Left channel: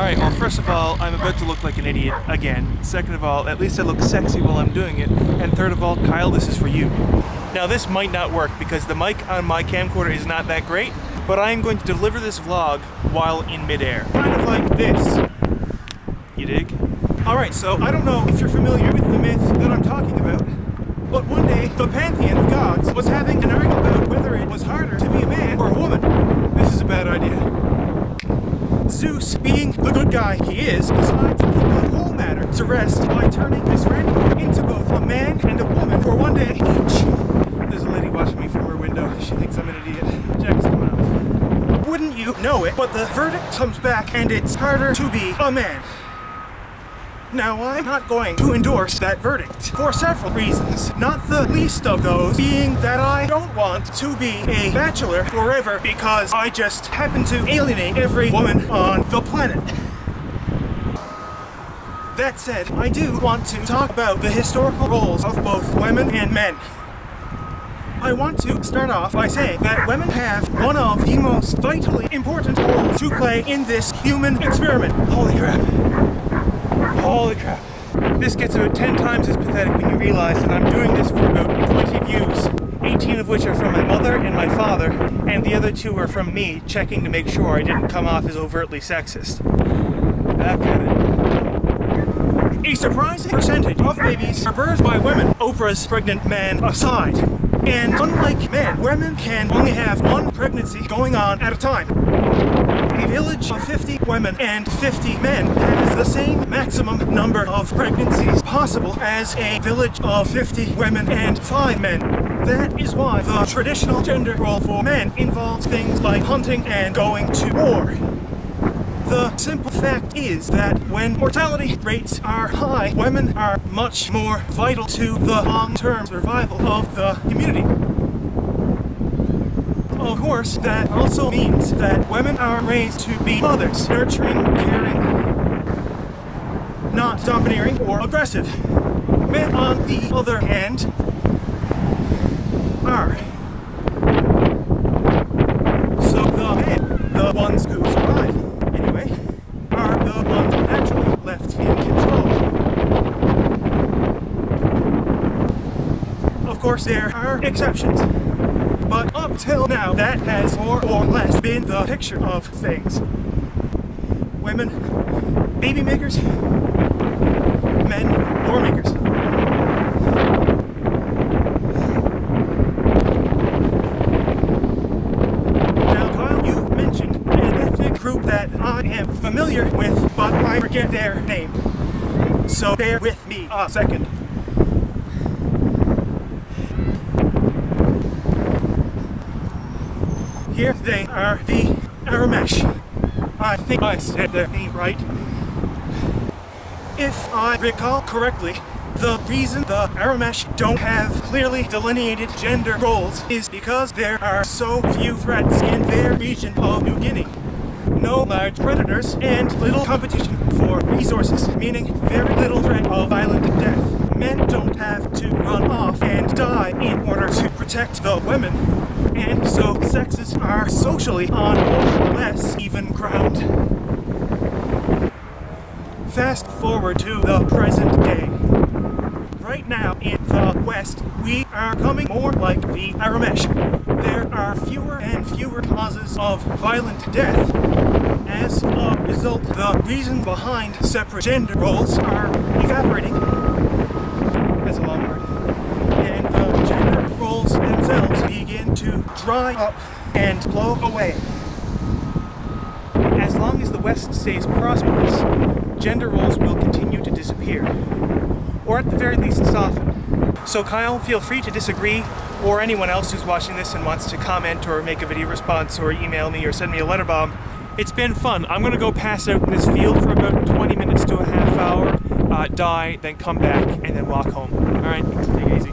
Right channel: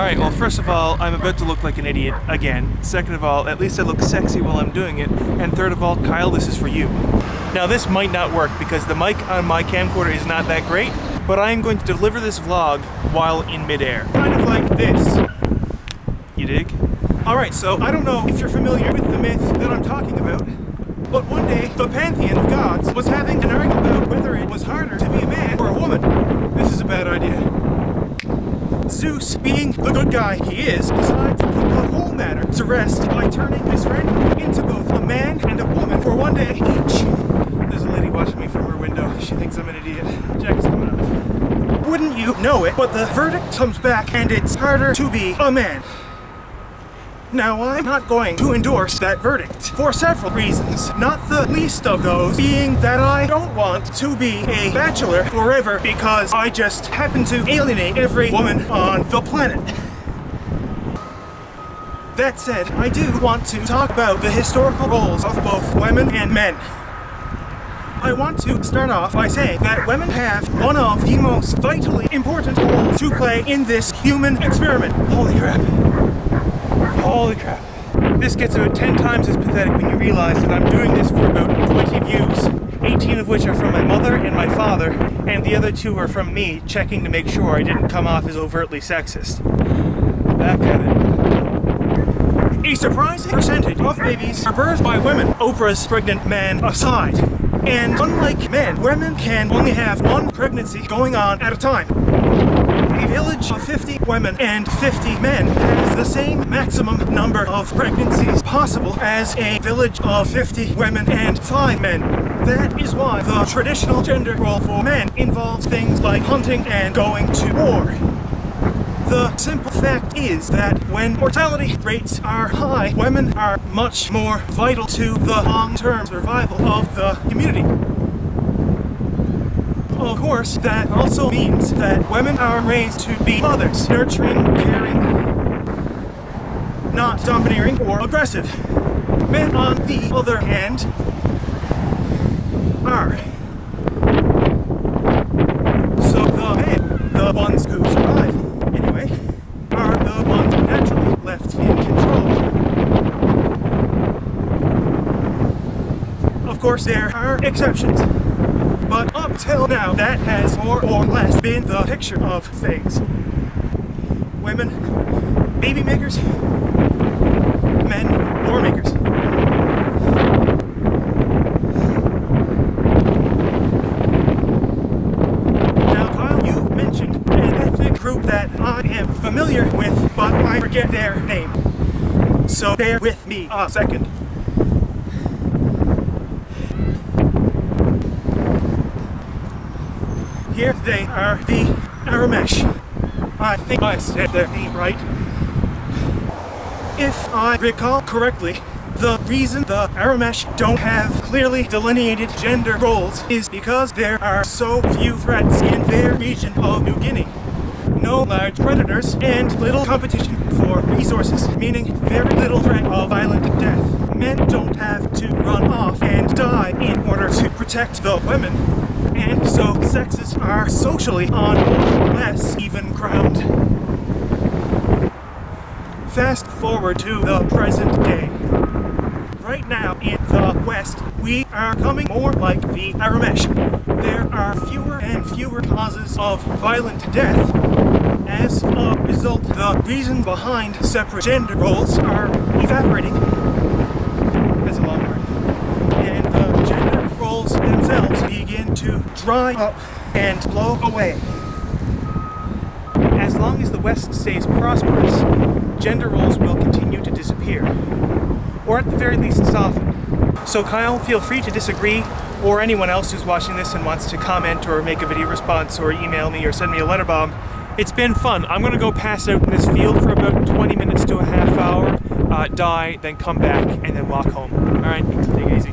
Alright, well first of all, I'm about to look like an idiot again. Second of all, at least I look sexy while I'm doing it. And third of all, Kyle, this is for you. Now this might not work because the mic on my camcorder is not that great, but I am going to deliver this vlog while in midair. Kind of like this. You dig? Alright, so I don't know if you're familiar with the myth that I'm talking about, but one day the pantheon of gods was having an argument about whether it was harder to be a man or a woman. This is a bad idea. Zeus, being the good guy he is, decides to put the whole matter to rest by turning this randomly into both a man and a woman for one day each. There's a lady watching me from her window. She thinks I'm an idiot. Jacket's coming off. Wouldn't you know it, but the verdict comes back and it's harder to be a man. Now, I'm not going to endorse that verdict for several reasons, not the least of those being that I don't want to be a bachelor forever because I just happen to alienate every woman on the planet. That said, I do want to talk about the historical roles of both women and men. I want to start off by saying that women have one of the most vitally important roles to play in this human experiment. Holy crap. Holy crap. This gets about 10 times as pathetic when you realize that I'm doing this for about 20 views, 18 of which are from my mother and my father, and the other 2 are from me checking to make sure I didn't come off as overtly sexist. Back at it. A surprising percentage of babies are birthed by women, Oprah's pregnant man aside. And unlike men, women can only have one pregnancy going on at a time. A village of 50 women and 50 men has the same maximum number of pregnancies possible as a village of 50 women and 5 men. That is why the traditional gender role for men involves things like hunting and going to war. The simple fact is that when mortality rates are high, women are much more vital to the long-term survival of the community. Of course, that also means that women are raised to be mothers, nurturing, caring, not domineering or aggressive. Men, on the other hand, are. So the men, the ones who survive, anyway, are the ones naturally left in control. Of course, there are exceptions. But up till now, that has more or less been the picture of things. Women, baby makers, men, war makers. Now, Kyle, you mentioned an ethnic group that I am familiar with, but I forget their name. So bear with me a second. Here they are, the Aramesh. I think I said their name right. If I recall correctly, the reason the Aramesh don't have clearly delineated gender roles is because there are so few threats in their region of New Guinea. No large predators and little competition for resources, meaning very little threat of violent death. Men don't have to run off and die in order to protect the women. And so sexes are socially on more or less even ground. Fast forward to the present day. Right now in the West, we are becoming more like the Aramesh. There are fewer and fewer causes of violent death. As a result, the reason behind separate gender roles are evaporating. That's a long word. And the gender roles themselves begin to dry up and blow away. As long as the West stays prosperous, gender roles will continue to disappear, or at the very least soften. So Kyle, feel free to disagree, or anyone else who's watching this and wants to comment or make a video response or email me or send me a letter bomb. It's been fun. I'm gonna go pass out in this field for about 20 minutes to a half hour, die, then come back, and then walk home. All right, take it easy.